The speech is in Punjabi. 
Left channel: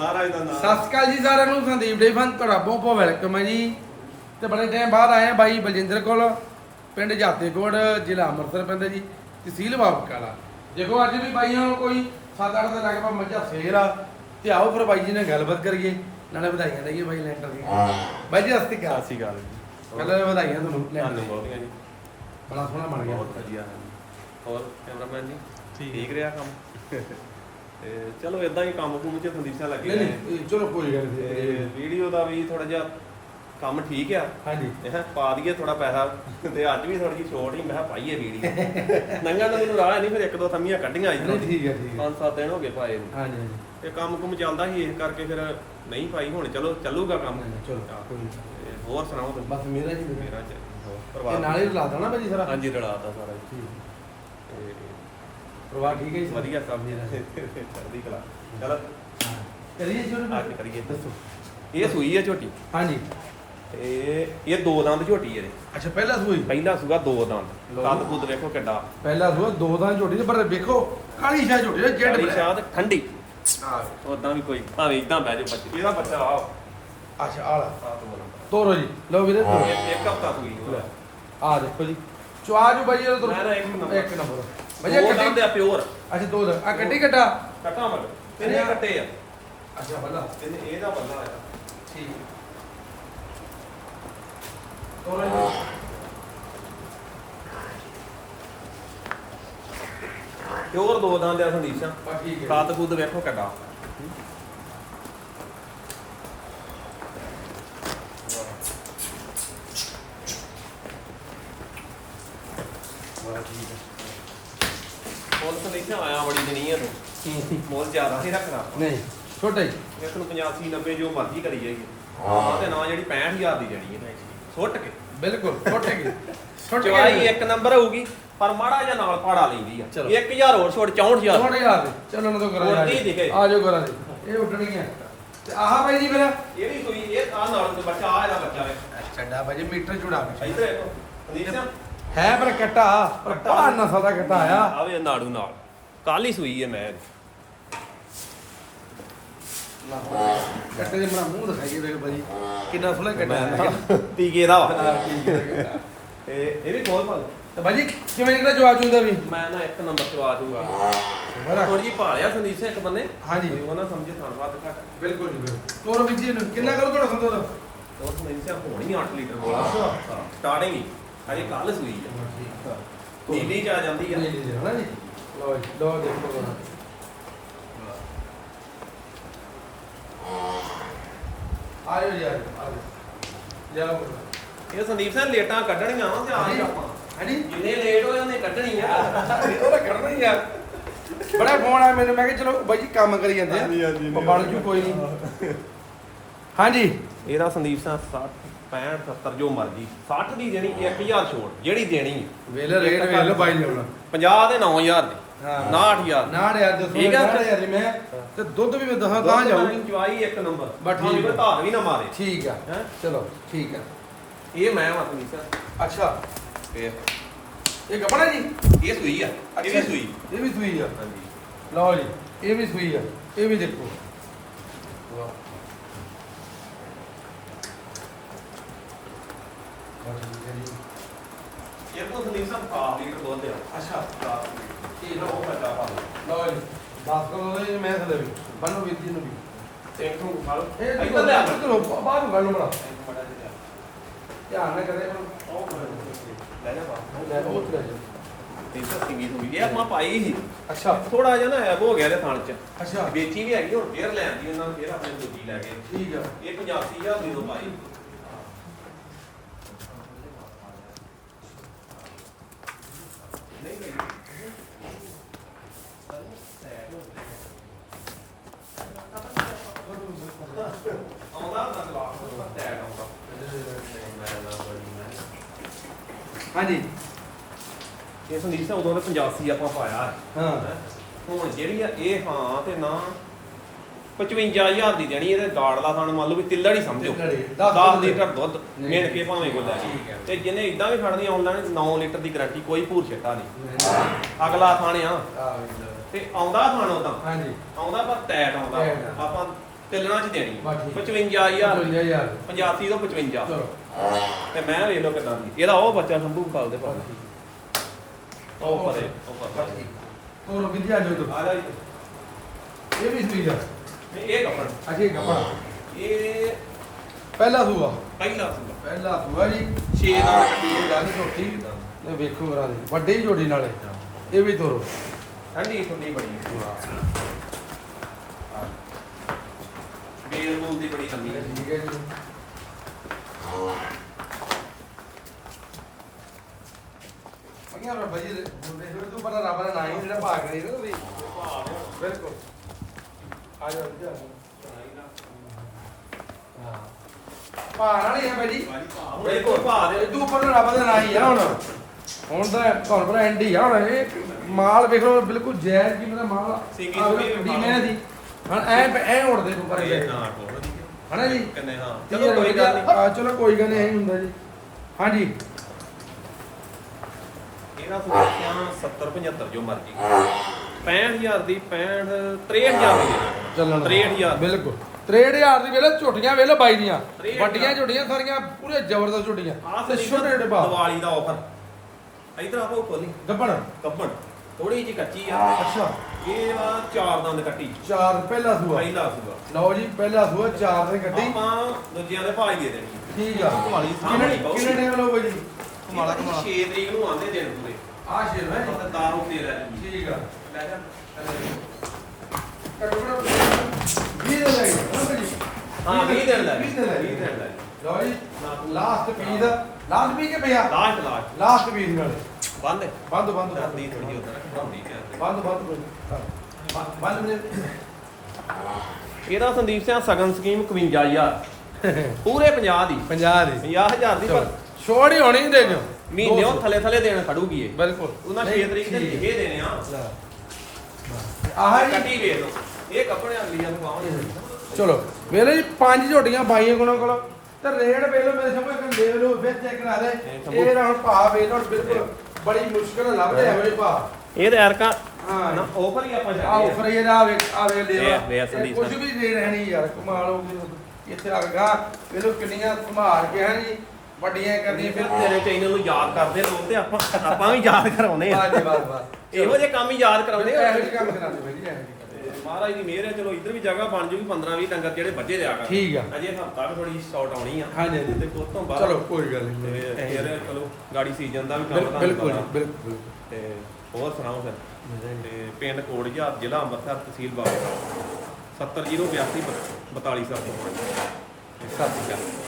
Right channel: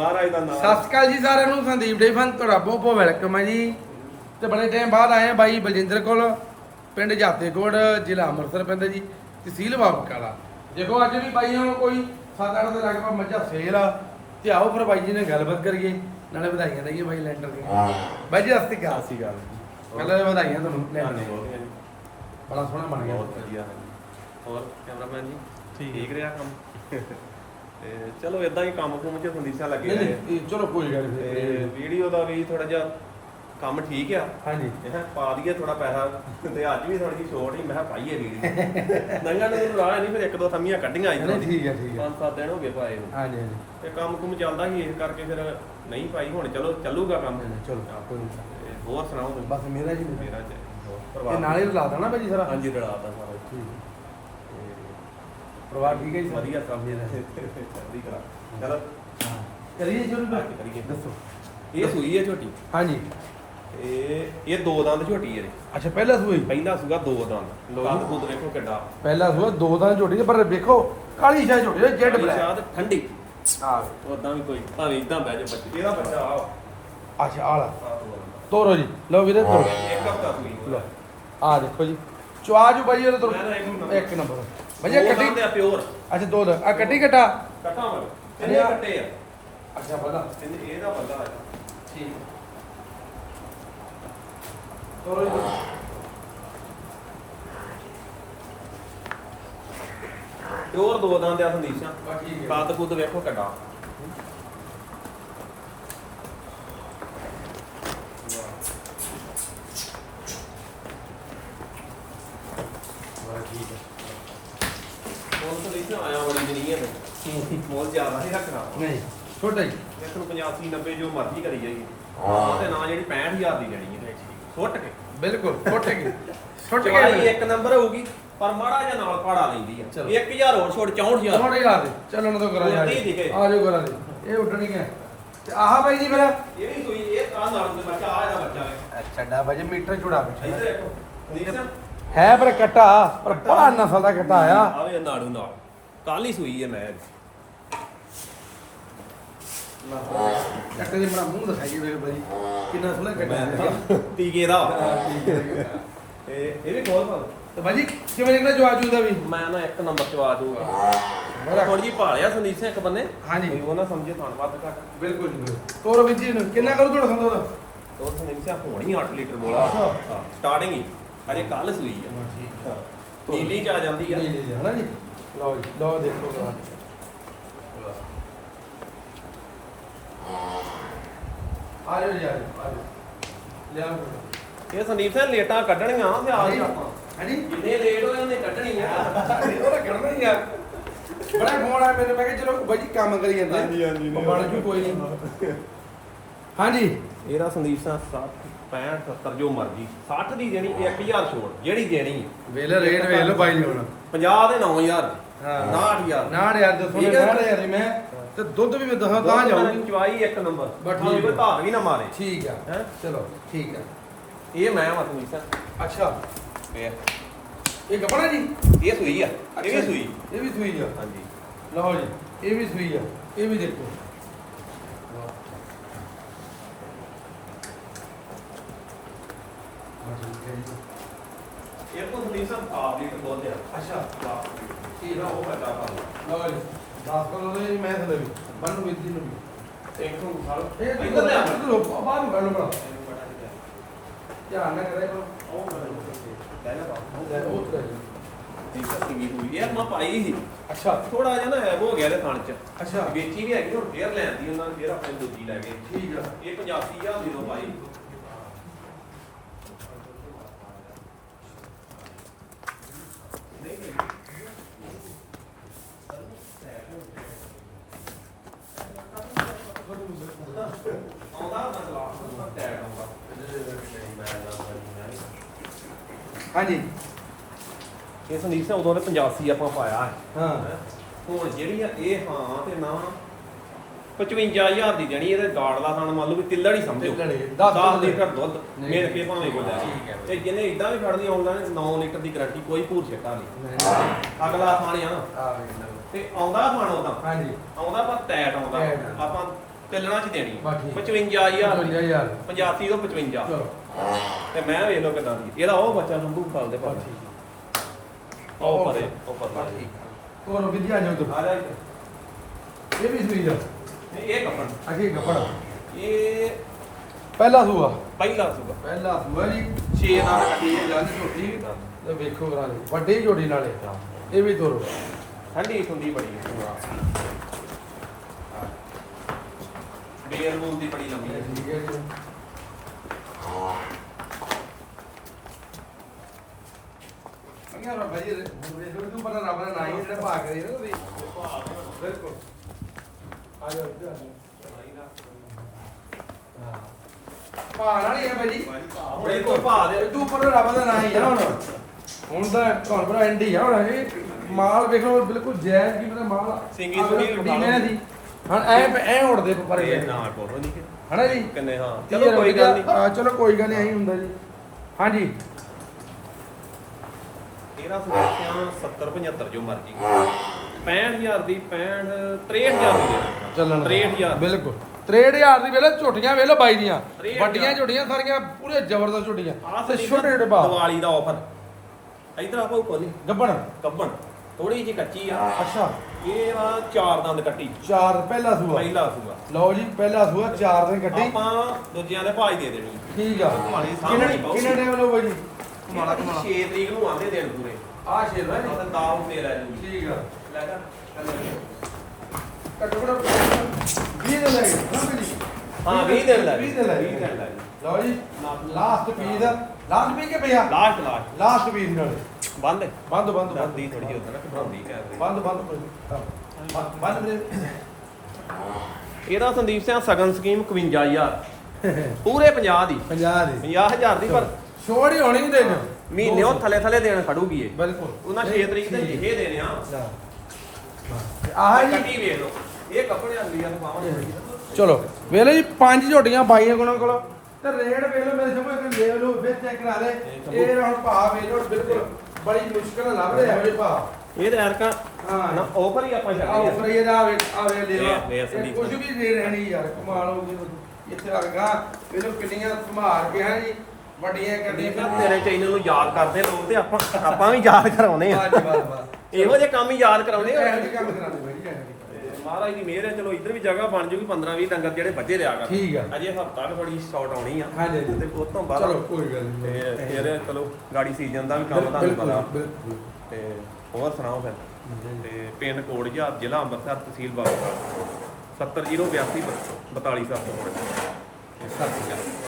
ਸਤਿ ਸ਼੍ਰੀ ਅਕਾਲ ਜੀ ਸਾਰਿਆਂ ਨੂੰ ਸੰਦੀਪ ਡੇ ਫਨ ਤੁਹਾਡਾ ਬਹੁਤ ਬਹੁਤ ਵੈਲਕਮ ਹੈ ਜੀ। ਤੇ ਬੜੇ ਟਾਈਮ ਬਾਅਦ ਆਏ ਆ ਬਾਈ ਬਲਜਿੰਦਰ ਕੋਲ ਪਿੰਡ ਜਾਤੇਕੋਟ ਜ਼ਿਲ੍ਹਾ ਅੰਮ੍ਰਿਤਸਰ ਪੈਂਦਾ ਜੀ ਤਹਿਸੀਲ ਬਾਬਕਾਲਾ ਦੇਖੋ ਅੱਜ ਵੀ ਬਾਈਆਂ ਨੂੰ ਕੋਈ 7-8 ਦੇ ਲਗਭਗ ਮੱਝਾਂ ਸੇਲ ਆ। ਤੇ ਆਓ ਫਿਰ ਬਾਈ ਜੀ ਨਾਲ ਗੱਲਬਾਤ ਕਰੀਏ ਨਾਲੇ ਵਧਾਈਆਂ ਦਈਏ ਬਾਈ ਲੈਂਟਰ ਦੀਆਂ। ਬਾਈ ਜੀ ਸਤਿ ਸ਼੍ਰੀ ਅਕਾਲ। ਸਤਿ ਸ਼੍ਰੀ ਅਕਾਲ ਪਹਿਲਾਂ ਵਧਾਈਆਂ ਤੁਹਾਨੂੰ ਲੈਂਟਰ ਦੀਆਂ। ਬੜਾ ਸੋਹਣਾ ਬਣ ਗਿਆ। ਬਹੁਤ ਵਧੀਆ। ਹੈ ਜੀ ਹੋਰ ਕੈਮਰਾਮੈਨ ਜੀ ਠੀਕ ਰਿਹਾ ਕੰਮ? ਤੇ ਚਲੋ ਇਦਾਂ ਹੀ ਕੰਮ ਕੁਮ ਚ ਸੰਦੀਪਾਂ ਲੱਗੇ ਨਹੀਂ, ਰਹੇ ਨਹੀਂ, ਇਹ ਚਲੋ ਕੋਈ ਗੱਲ ਤੇ ਨਹੀਂ ਵੀਡੀਓ ਦਾ ਵੀ ਥੋੜਾ ਜਿਹਾ ਕੰਮ ਠੀਕ ਆ। ਹਾਂਜੀ। ਇਹ ਪਾ ਦਈਏ ਥੋੜਾ ਪੈਸਾ ਤੇ ਅੱਜ ਵੀ ਥੋੜੀ ਜਿਹੀ ਛੋਟ ਹੀ ਮੈਂ ਕਿਹਾ ਪਾਈਏ ਵੀਡੀਓ। ਨੰਗਾ ਨੂੰ ਮੈਨੂੰ ਰਾਹ ਨਹੀਂ ਫਿਰ ਇੱਕ ਦੋ ਥੰਮੀਆਂ ਕੱਢੀਆਂ ਇਧਰੋਂ ਨਹੀਂ ਠੀਕ ਹੈ ਠੀਕ ਹੈ ਪੰਜ ਸੱਤ ਦਿਨ ਹੋ ਗਏ ਪਾਏ ਨੂੰ। ਹਾਂਜੀ ਹਾਂਜੀ। ਇਹ ਕੰਮ ਕੁਮ ਚੱਲਦਾ ਸੀ ਇਸ ਕਰਕੇ ਫਿਰ ਨਹੀਂ ਪਾਈ ਹੁਣ ਚਲੋ ਚੱਲੂਗਾ ਕੰਮ। ਚਲੋ ਆਹ, ਕੋਈ। ਤੇ ਹੋਰ ਸੁਣਾਓ ਤੁਸੀਂ? ਬਸ ਮੇਰਾ ਜੀ ਮੇਰਾ ਮੇਰਾ ਚ ਹੋਰ ਇਹ ਪਰਿਵਾਰ ਨਾਲੇ ਲਾ ਦੇਣਾ ਭਾਜੀ ਸਾਰਾ? ਹਾਂਜੀ ਰਲਾਤਾ ਸਾਰਾ। ਠੀਕ। ਤੇ ਪਰਿਵਾਰ ਠੀਕ ਹੈ ਜੀ? ਵਧੀਆ ਕੰਮ ਹੀ ਚੜ੍ਹਦੀ ਕਲਾ। ਚਲ। ਕਰੀਏ ਸ਼ੁਰੂ ਅੱਜ ਕਰੀਏ ਦੱਸੋ। ਇਹ ਸੂਈ ਹੈ ਝੋਟੀ? ਹਾਂਜੀ। ਇਹ ਇਹ ਦੋ ਦੰਦ ਝੋਟੀ ਹੈ ਇਹਦੀ। ਅੱਛਾ ਪਹਿਲਾ ਸੂਈ? ਪਹਿਲਾ ਸੂਆ ਦੋ ਦੰਦ। ਕੱਦ ਕੁੱਦ ਵੇਖੋ ਕਿੱਡਾ। ਪਹਿਲਾ ਸੂਆ ਦੋ ਦਾ ਝੋਟੀ ਪਰ ਵੇਖੋ ਕਾਲੀ ਸ਼ਾਹ ਝੋਟੀ ਜੈਡ ਕਾਲੀ ਬਲੈਕ ਤੇ ਠੰਡੀ। ਹਾਂ ਉਦਾਂ ਵੀ ਕੋਈ ਭਾਵੇਂ ਇਦਾਂ ਬਹਿ ਜਾ ਬੱਚੇ। ਇਹਦਾ ਬੱਚਾ ਆ ਅੱਛਾ ਆ ਦੋ ਦੰਦ। ਤੋਰੋ ਜੀ। ਲਓ ਵੀਰੇ ਤੋਰੋ। ਇੱਕ ਹਫਤਾ ਸੂਈ। ਲਓ। ਆ ਦੇਖੋ ਜੀ। ਚੁਆ ਜੂ ਬਾਈ ਇਹ ਤੋਰੋ। ਮੈਂ ਨਾ ਇੱਕ ਨੰਬਰ। ਭਈਆ ਦੰਦ ਕੱਟੀ ਆ ਪਿਓਰ। ਅੱਛਾ ਦੋ ਦਾ ਆ ਕੱਟੀ ਕਟਾ ਕੱਟਾ ਮਰ ਅੱਛਾ। ਕੱਟੇ ਆ। ਅੱਛਾ ਬਲਾ ਤਿੰਨੇ ਇਹਦਾ ਬੰਦਾ ਠੀਕ। ਤੋਰੋ ਪਿਓਰ ਦੋ ਦੰਦ ਆ ਸੰਦੀਪ ਸਿੰਘ। ਬਸ ਠੀਕ ਹੈ। ਕੱਦ ਕੁੱਦ ਵੇਖੋ ਕਿੱਡਾ ਬਸ ਠੀਕ ਹੈ ਸਿੰਘ ਆਇਆ ਬੜੀ ਜਨੀ ਹੈ ਤੂੰ? ਮੁੱਲ ਜ਼ਿਆਦਾ ਹੀ ਰੱਖਣਾ ਨਹੀਂ ਛੋਟਾ ਜੀ। ਇਸ ਨੂੰ 85 90 ਜੋ ਮਰਜ਼ੀ ਕਰੀ ਜਾਈਏ। ਹਾਂ। ਤੇ ਨਾ ਜਿਹੜੀ 65000 ਦੀ ਜਾਣੀ ਹੈ। ਸੁੱਟ ਕੇ। ਬਿਲਕੁਲ ਛੋਟ ਗਈ ਛੋਟ ਚਵਾਈ ਇੱਕ ਨੰਬਰ ਹੋਊਗੀ ਪਰ ਮਾੜਾ ਜਿਹਾ ਨਾਲ ਪਾੜਾ ਲੈਂਦੀ ਆ। ਚਲੋ। 1000 ਹੋਰ ਛੋੜ 64000 ਛੋਟ ਯਾਰ ਦੇ। ਚੱਲਣ ਤੋਂ ਕਰਾ ਦਿਖੇ। ਆ ਜਾਓ ਕਰਾ ਦੇ ਇਹ ਉੱਡਣੀਆਂ ਤੇ ਆਹ ਬਾਈ ਜੀ ਮੇਰਾ ਇਹ ਵੀ ਸੂਈ ਇਹ ਤਾਂ ਨਾਲ ਦੇ ਬੱਚਾ ਆ ਜਾ ਬੱਚਾ ਵੇ। ਛੱਡਾ ਬਾਈ ਜੀ ਮੀਟਰ ਸੰਦੀਪ ਸਿੰਘ ਹੈ ਪਰ ਕੱਟਾ। ਪਰ ਬੜਾ ਨਸਲ ਦਾ ਕੱਟਾ ਆਇਆ। ਆਵੇ ਨਾੜੂ ਨਾਲ। ਕੱਲ ਹੀ ਸੂਈ ਹੈ ਮੈਂ। ਕੱਟੇ ਦੇ ਮੇਰਾ ਮੂੰਹ ਦਿਖਾਈਏ ਵੇਖ ਬਾਈ। ਕਿੰਨਾ ਸੋਹਣਾ ਕੱਟਾ ਹੈ। ਟੀਕੇ ਦਾ ਵਾ। ਹਾਂ, ਠੀਕ ਹੈ। ਤੇ ਇਹ ਵੀ ਖੋਲ ਪਾ ਤੇ ਬਾਈ ਜੀ ਕਿਵੇਂ ਨਿਕਲਿਆ ਜਵਾਬ ਚੂਦਾ ਵੀ? ਮੈਂ ਨਾ ਇੱਕ ਨੰਬਰ ਚਵਾ ਦੂੰਗਾ ਥੋੜੀ ਜੀ ਭਾਲਿਆ ਸੰਦੀਪ ਸਿੰਘ ਇੱਕ ਬੰਨੇ। ਹਾਂਜੀ। ਕੋਈ ਉਹ ਨਾ ਸਮਝੇ ਤਾਂ ਬਾਤ ਘੱਟ ਬਿਲਕੁਲ ਜੀ ਤੋਰ ਵਿੱਚ ਜੀ ਨੂੰ ਕਿੰਨਾ ਕਰੂ ਤੁਹਾਡਾ ਸੰਦੋ ਦਾ ਉਹ ਸੰਦੀਪ ਸਿੰਘ ਹੋਣੀ 8 ਲੀਟਰ ਦੀ। ਸਟਾਰਟਿੰਗ ਹੀ। ਹਰੇ ਕੱਲ ਸੂਈ ਹੈ। ਨੀਲੀ ਚ ਆ। ਜਾਂਦੀ ਹੈ ਹਨਾ ਜੀ? ਲਓ ਜੀ ਲਓ ਦੇਖੋ ਜਰਾ ਆਇਓ ਜੀ ਆਇਓ ਆਇਓ। ਲਿਆਓ। ਇਹ ਸੰਦੀਪ ਸਿੰਘ ਲੇਟਾਂ ਕੱਢਣੀਆਂ ਤੇ ਆ ਹੀ ਆਪਾਂ ਹਾਂਜੀ ਜਿੰਨੇ ਲੇਟ ਹੋਏ ਉਹਨੇ ਕੱਢਣੀ ਆ। ਉਹਦਾ ਕਰਨਾ ਹੀ ਆ। ਬੜਾ ਫੋਨ ਆ ਮੈਨੂੰ ਮੈਂ ਕਿਹਾ ਚਲੋ ਬਾਈ ਜੀ ਕੰਮ ਕਰੀ ਜਾਂਦੇ ਆ। ਹਾਂਜੀ, ਹਾਂਜੀ, ਉਹ ਬਣ ਜੂ ਕੋਈ ਨਹੀਂ ਹਾਂਜੀ। ਇਹਦਾ ਸੰਦੀਪ ਸਿੰਘ 60 65 70 ਜੋ ਮਰਜ਼ੀ। 60 ਦੀ ਦੇਣੀ 1000 ਛੋੜ ਜਿਹੜੀ ਦੇਣੀ ਵੇਲੇ ਰੇਟ ਵੇਖ ਲਓ ਬਾਈ ਹੁਣ 50 ਦੇ 9000 ਦੇ ਹਾਂ। 69000 ਨਾ ਯਾਰ ਦੱਸੋ ਠੀਕ? ਨਾ ਮੈਂ ਤੇ ਦੁੱਧ ਵੀ ਮੈਂ ਦਸਾਂ ਤਾਂ ਜਾਊਗੀ ਚਵਾਈ ਇੱਕ ਨੰਬਰ। ਬਸ ਠੀਕ ਭਾਵੇਂ ਕੋਈ ਆ। ਧਾਰ ਵੀ ਨਾ ਮਾਰੇ। ਠੀਕ ਆ। ਹੈ? ਚਲੋ ਠੀਕ ਆ। ਇਹ ਮੈਂ ਵਾ ਸੰਦੀਪ ਸਿੰਘ। ਅੱਛਾ। ਇਹ। ਇਹ ਕਪੜਾ ਜੀ? ਇਹ ਸੂਈ ਆ। ਇਹ ਵੀ ਸੂਈ। ਇਹ ਵੀ ਸੂਈ ਆ। ਹਾਂਜੀ। ਲਓ ਜੀ ਇਹ ਵੀ ਸੂਈ ਆ। ਇਹ ਵੀ ਦੇਖੋ ਵਾਹ ਇਹ ਤੋਂ ਹਾਫ ਲੀਟਰ ਦੁੱਧ ਆ ਅੱਛਾ। ਠੀਕ ਆ ਉਹ ਬੱਚਾ ਪਾ ਲਓ ਲਓ ਜੀ ਦੱਸ ਕਰੋ ਲੈ ਮੈਂ ਥਲੇ ਵੀ ਬੰਨੂ ਵੀਰ ਜੀ ਨੂੰ ਵੀ ਇੱਕ ਨੂੰ ਖਾਲ ਇਹ ਇੱਧਰ ਲੈ ਆ ਇੱਧਰ ਲੋ ਬਾਹਰ ਨੂੰ ਬਣਾ ਲੈ ਧਿਆਨ ਨਾ ਕਰੇ ਉਹ ਲੈ ਲੈ ਬਾ ਲੈ ਉਹ ਜੀ ਇਹ ਸਿੰਗੀ ਹੋਈ ਇਹ ਆਪਾਂ ਪਾਈ ਸੀ ਅੱਛਾ ਥੋੜਾ ਜਿਹਾ ਨਾ ਐਬ ਹੋ ਗਿਆ ਇਹਦੇ ਥਣ ਚ। ਅੱਛਾ। ਵੇਚੀ ਵੀ ਹੈਗੀ ਹੁਣ ਫੇਰ ਲੈਣ ਦੀ ਉਹਨਾਂ ਨੇ ਫੇਰ ਆਪਣੇ ਦੂਜੀ ਲੈ ਗਏ ਠੀਕ ਆ। ਇਹ 85000 ਦੀ ਤੋਂ ਪਾਈ ਆਉਂਦਾ ਨਾ ਗਲਾਸ ਟੈਗ ਆਉਂਦਾ ਮੈਂ ਨਾ ਬੜੀ ਮੈਂ ਹਾਂਜੀ। ਇਹ ਸੰਦੀਪ ਸਿੰਘ ਉਦੋਂ ਦੇ 85 ਆਪਾਂ ਪਾਇਆ ਹੈ। ਹਾਂ। ਹੁਣ ਜਿਹੜੀ ਆ ਇਹ ਹਾਂ ਤੇ ਨਾ 55000 ਦੀ ਜਣੀ ਇਹਦੇ ਗਾੜ ਦਾ ਥਾਣ ਮੰਨ ਲਓ ਵੀ ਤਿੱਲੜ ਹੀ ਸਮਝੋ। ਤਿੱਲੜ ਹੀ, ਦਸ 10 ਲੀਟਰ ਦੁੱਧ। ਮਿਲ ਕੇ ਭਾਵੇਂ ਕੋ ਲੈ ਠੀਕ ਹੈ। ਤੇ ਜਿਹਨੇ ਇਦਾਂ ਵੀ ਫੜਨੀ ਆਨਲਾਈਨ 9 ਲੀਟਰ ਦੀ ਗਾਰੰਟੀ ਕੋਈ ਭੂਰ ਛੇਟਾ ਨਹੀਂ। ਅਗਲਾ ਥਾਣੇ ਆ। ਆ ਵੇਖ ਲਓ। ਤੇ ਆਉਂਦਾ ਥਾਣ ਉਦਾਂ ਹਾਂਜੀ। ਆਉਂਦਾ ਪਰ ਟੈਟ ਆਉਂਦਾ। ਟੈਟ। ਆਪਾਂ ਤਿਲਣਾ ਚ ਦੇਣੀ ਬਸ ਠੀਕ। 55000 55000 85 ਤੋਂ 55 ਚਲੋ। ਤੇ ਮੈਂ ਵੇਖ ਲਓ ਕਿਦਾਂ ਦੀ। ਇਹਦਾ ਉਹ ਬੱਚਾ ਸੰਭੂ ਖਾਲਦੇ ਪਾ ਉਹ ਪਰੇ ਉਹ ਪਰੇ। ਹੋਰ ਕਿੱਥੇ ਆ ਜਾਓ ਆ ਜਾ ਜੀ। ਇਹ ਵੀ ਸੂਈ ਦਾ। ਇਹ ਇਹ ਕੱਪੜ। ਅਜੇ ਕਪੜਾ। ਇਹ ਪਹਿਲਾ ਸੂਆ। ਪਹਿਲਾ ਸੁਬਾ ਪਹਿਲਾ ਸੂਆ ਜੀ। 6 ਨਾਲ ਇਹ ਲੱਗ ਝੋਟੀ। ਤੇ ਵੇਖੋ ਰਾਜੀ ਵੱਡੀ ਝੋਟੀ ਨਾਲੇ ਇਹ ਵੀ ਤੋਰੋ। ਠੰਡੀ ਠੰਡੀ ਬੜੀ ਹੈ ਬੇਲ ਬੂਲ ਦੀ ਬੜੀ ਲੰਮੀ ਹੈ। ਠੀਕ ਹੈ ਜੀ। ਅੰਗਿਆ ਭਾਈ ਜੀ ਤੂੰ ਪਤਾ ਰੱਬ ਦਾ ਨਾਮ ਹੀ ਜਿਹੜਾ ਭਾਗ ਰਹੀ ਨਾ ਉਹਦੀ ਬਿਲਕੁਲ। ਆ ਜਾਓ ਇੱਧਰ ਆ ਜਾਓ। ਹਾਂ। ਭਾਗ ਵਾਲੀ ਹੈ ਭਾਈ ਜੀ। ਬਿਲਕੁਲ। ਭਾ ਦੇ ਤੂੰ ਪਰ ਰੱਬ ਦਾ ਨਾਂ ਹੀ ਆ ਹੁਣ। ਹੁਣ ਤਾਂ ਘਰ ਪਰ ਐਂਡੀ ਆ ਹੁਣ। ਇਹ ਮਾਲ ਵੇਖ ਲਓ ਬਿਲਕੁਲ ਜੈਜ਼ ਕੀ ਮੇਰਾ ਮਾਲ ਆ। ਵੀ ਮੈਂ ਦੀ। ਹੁਣ ਐ ਐ ਉੜਦੇ ਉੱਪਰ ਇਹ ਨਾ ਟੋਲੋ ਨਹੀਂ ਹਨਾ ਜੀ? ਕਿੰਨੇ ਹਾਂ। ਚਲੋ ਕੋਈ ਗੱਲ ਨਹੀਂ। ਆ ਚਲੋ ਕੋਈ ਗੱਲ ਨਹੀਂ ਐਂ ਹੁੰਦਾ ਜੀ। ਹਾਂਜੀ। ਇਹਦਾ ਸੁਣਿਆ 70 75 ਜੋ ਮਰਜ਼ੀ 65000 ਦੀ 65 63000 ਦੀ ਚੱਲਣ 63000 ਬਿਲਕੁਲ। 63000 ਦੀ ਵੇਲੇ ਝੋਟੀਆਂ ਵੇਲੇ ਬਾਈ ਦੀਆਂ। 63,000 ਵੱਡੀਆਂ ਝੋਟੀਆਂ ਸਾਰੀਆਂ ਪੂਰੇ ਜ਼ਬਰਦਸਤ ਝੋਟੀਆਂ। ਤੇ ਛੋਟੇ ਛੋਟੇ ਬਾਪ ਦੀਵਾਲੀ ਦਾ ਆਫਰ ਇਧਰ ਆਪੋ ਖੋਲੀ ਗੱਬਣ। ਕੱਬਣ ਥੋੜੀ ਜੀ ਕੱਚੀ ਆ। ਅੱਛਾ। ਇਹ ਵਾ ਚਾਰ ਦੰਦ ਕੱਟੀ। ਚਾਰ ਪਹਿਲਾ ਸੂਆ। ਪਹਿਲਾ ਸੂਆ। ਲਓ ਜੀ ਪਹਿਲਾ ਸੂਆ ਚਾਰ ਦੀ ਗੱਡੀ ਆਪਾਂ ਦੂਜਿਆਂ ਦੇ ਭਾਜ ਦੇ ਦੇਣੀ। ਠੀਕ ਆ। ਕਿੰਨੇ ਕਿੰਨੇ ਟਾਈਮ ਲਓ ਜੀ? ਕਮਾਲਾ ਕਮਾਲਾ 6 ਤਰੀਕ ਨੂੰ ਆਂਦੇ ਦਿਨ ਪੂਰੇ। ਆ ਸ਼ੇਰ ਹੈ ਉਹਦਾ ਦਾਮ ਤੇ ਰਹਿ ਜੂਗੀ ਠੀਕ ਆ। ਲੈ ਜਾ। ਘੱਟ 20 ਦੇ ਲੱਗੇ ਨਾ ਜੀ ਹਾਂ 20 ਦਿਨ ਲੈ 20 ਦਿਨ ਲੈ 20 ਦਿਨ ਲੈ ਲਓ ਜੀ ਲਾਸਟ ਪੀਸ ਲਾਸਟ ਪੀਸ ਕੇ ਪਿਆ ਲਾਸਟ ਲਾਸਟ ਲਾਸਟ ਪੀਸ ਨਾਲ। ਬੰਦ ਬੰਦ ਬੰਦ। ਨਾ ਦੀ ਥੋੜੀ ਜਿਹੀ ਬਣਾਉਣੀ ਹੈ। ਬੰਦ ਬੰਦ। ਬੰਦ ਇਹਦਾ ਸੰਦੀਪ ਸਿੰਘ ਸਗਨ ਸਕੀਮ 51000 ਪੂਰੇ 50 ਦੀ। 50 ਦੀ। 50000 ਦੀ ਪਰ ਛੋੜ ਹੀ ਹੋਣੀ ਦੇ ਦਿਓ। ਮਹੀਨਿਓਂ ਥੱਲੇ ਥੱਲੇ ਦੇਣ ਖੜੂਗੀ ਇਹ। ਬਿਲਕੁਲ। ਉਹਨਾਂ 6 ਤਰੀਕ ਦੇ ਲਿਖੇ ਦੇਣੇ ਆ। ਆਹ ਜੀ ਕੱਟੀ ਵੇਖ ਲਓ। ਇਹ ਕੱਪੜੇ ਅਗਲੀਆਂ ਨੂੰ ਪਾਵਾਂਗੇ ਚਲੋ ਵੇਖ ਲਓ। ਜੀ ਪੰਜ ਝੋਟੀਆਂ ਬਾਈਆਂ ਕੋਲੋਂ ਕੋਲ। ਤੇ ਰੇਟ ਵੇਖ ਲਓ ਮੇਰੇ ਸਮਝ ਕੇ ਲੈ ਲਓ ਫਿਰ ਚੈੱਕ ਕਰਾ ਲੈ। ਇਹ ਹੁਣ ਭਾਅ ਵੇਖ ਲਓ ਬਿਲਕੁਲ। ਬੜੀ ਮੁਸ਼ਕਲ ਨਾਲ ਲੱਭਦੇ ਇਹੋ ਜਿਹੇ ਭਾਅ ਇਹ ਤੇ ਐਰਕਾ ਹਾਂ। ਨਾ ਆਫਰ ਹੀ ਆਪਾਂ ਆ ਦਾ ਵੇ ਆ ਵੇ ਲੈ ਵੇ- ਵੇ ਸੰਦੀਪ ਕੁਝ ਵੀ ਦੇ ਰਹਿਣੀ ਯਾਰ ਕਮਾਲ ਹੋ ਗਈ ਇੱਥੇ ਆ ਗਿਆ ਵੇਖੋ ਕਿੰਨੀਆਂ ਸੰਭਾਲ ਕੇ ਹੈ ਜੀ ਵੱਡੀਆਂ ਕਰਦੀਆਂ ਫਿਰ ਤੇਰੇ ਚੈਨਲ ਨੂੰ ਯਾਦ ਕਰਦੇ ਲੋਕ ਤੇ ਆਪਾਂ ਆਪਾਂ ਵੀ ਯਾਦ ਕਰਾਉਨੇ ਆ। ਬਾਤ ਬਾਤ ਇਹੋ ਜਿਹੇ ਕੰਮ ਹੀ ਯਾਦ ਕਰਾਉਨੇ ਆ। ਇਹੋ ਜਿਹੇ ਕੰਮ ਕਰਾਉਂਦੇ ਮਹਾਰਾਜ ਦੀ ਮਿਹਰ ਹੈ ਚਲੋ ਇੱਧਰ ਵੀ ਜਗ੍ਹਾ ਬਣ ਜੂਗੀ 15 20 ਡੰਗਰ ਜਿਹੜੇ ਵੱਜੇ ਰਿਆ ਕਰ ਠੀਕ ਆ। ਅਜੇ ਹਫਤਾ ਕੁ ਥੋੜੀ ਸ਼ਾਰਟ ਆਉਣੀ ਆ। ਹਾਂਜੀ ਹਾਂਜੀ। ਤੇ ਉਹ ਤੋਂ ਬਾਅਦ ਚਲੋ ਕੋਈ ਗੱਲ ਨਹੀਂ ਤੇ ਚਲੋ ਗਾੜੀ ਸੀਜ਼ਨ ਦਾ ਵੀ ਕੰਮ ਤੁਹਾਨੂੰ ਬਿਲਕੁਲ ਪਤਾ। ਬਿਲਕੁਲ ਤੇ ਹੋਰ ਸੁਣਾਓ ਫਿਰ? ਤੇ ਪਿੰਡ ਕੋੜਜਾ ਜ਼ਿਲ੍ਹਾ ਅੰਮ੍ਰਿਤਸਰ ਤਹਿਸੀਲ ਬਾਬਾ 70082 427